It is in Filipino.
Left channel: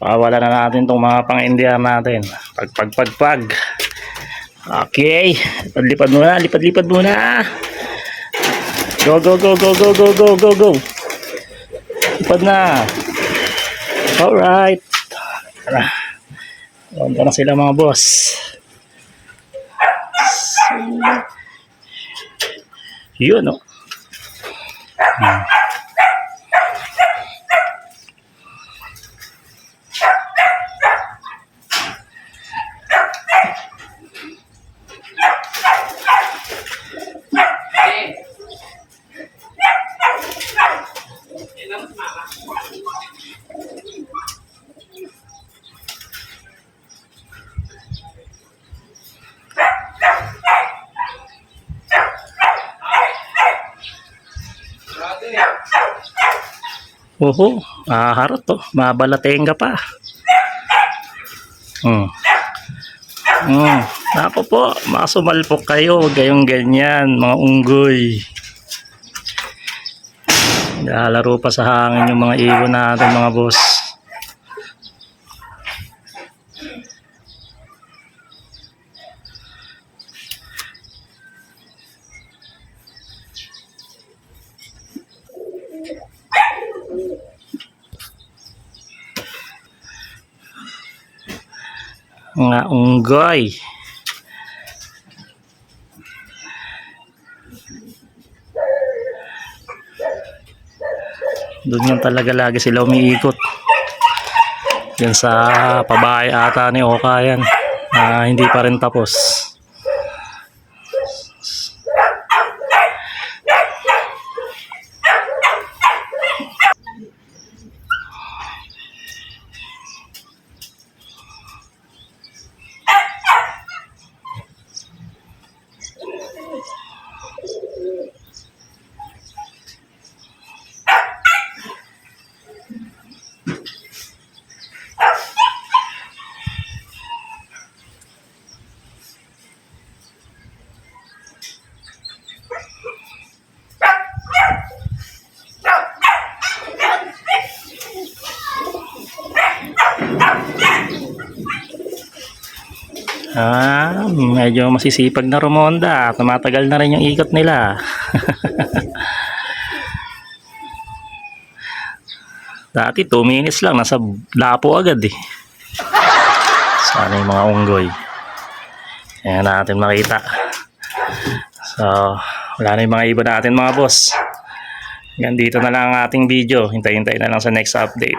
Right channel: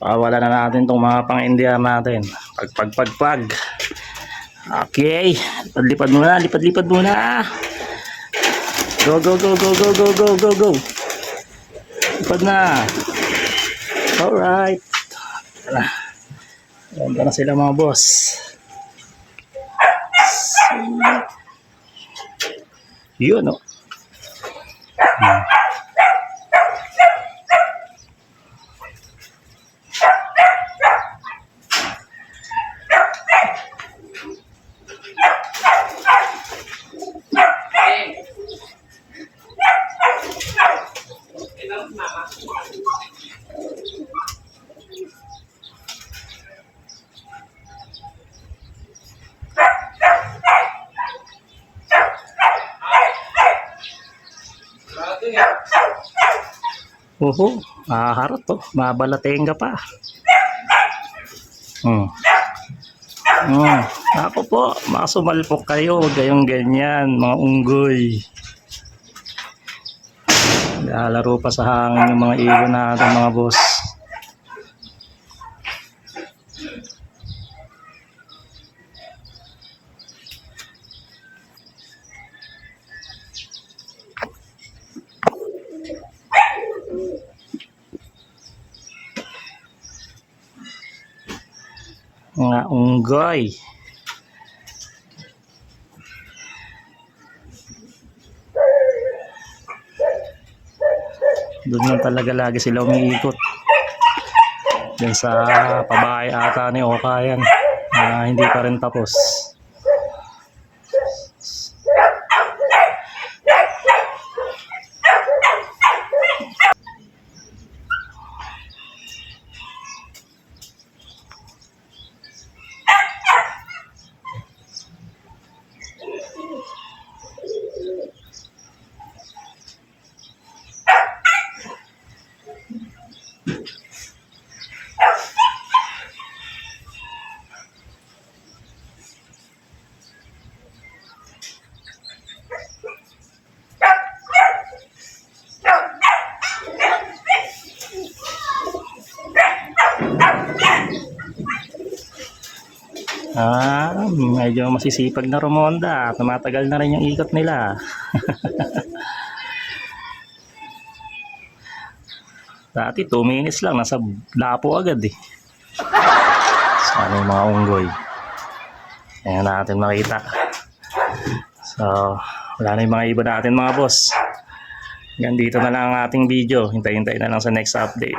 Pawala na natin tong mga pang-India natin. Pagpag. Okay. Lipad muna. Lipad muna. Go. Go. Lipad na. Alright. Ganda na sila mga boss. Yun, no? Oho, harot to. Mabalating ka pa. Ako po, masumalpok kayo. Huwag kayong ganyan, mga unggoy. Lalaro pa sa hangin yung mga ibon natin, mga boss. Mga unggoy. Doon yan talaga lagi sila umiikot. Yan sa pabahay ata ni Oka yan. Hindi pa rin tapos. Medyo masisipag na rumonda. Tumatagal na rin yung ikot nila. Dati 2 minutes lang, nasa lapo agad eh. Sana yung mga unggoy. Ayan natin makita. So, wala na yung mga ibon natin mga boss. Hanggang dito na lang ang ating video. Hintay-hintay na lang sa next update.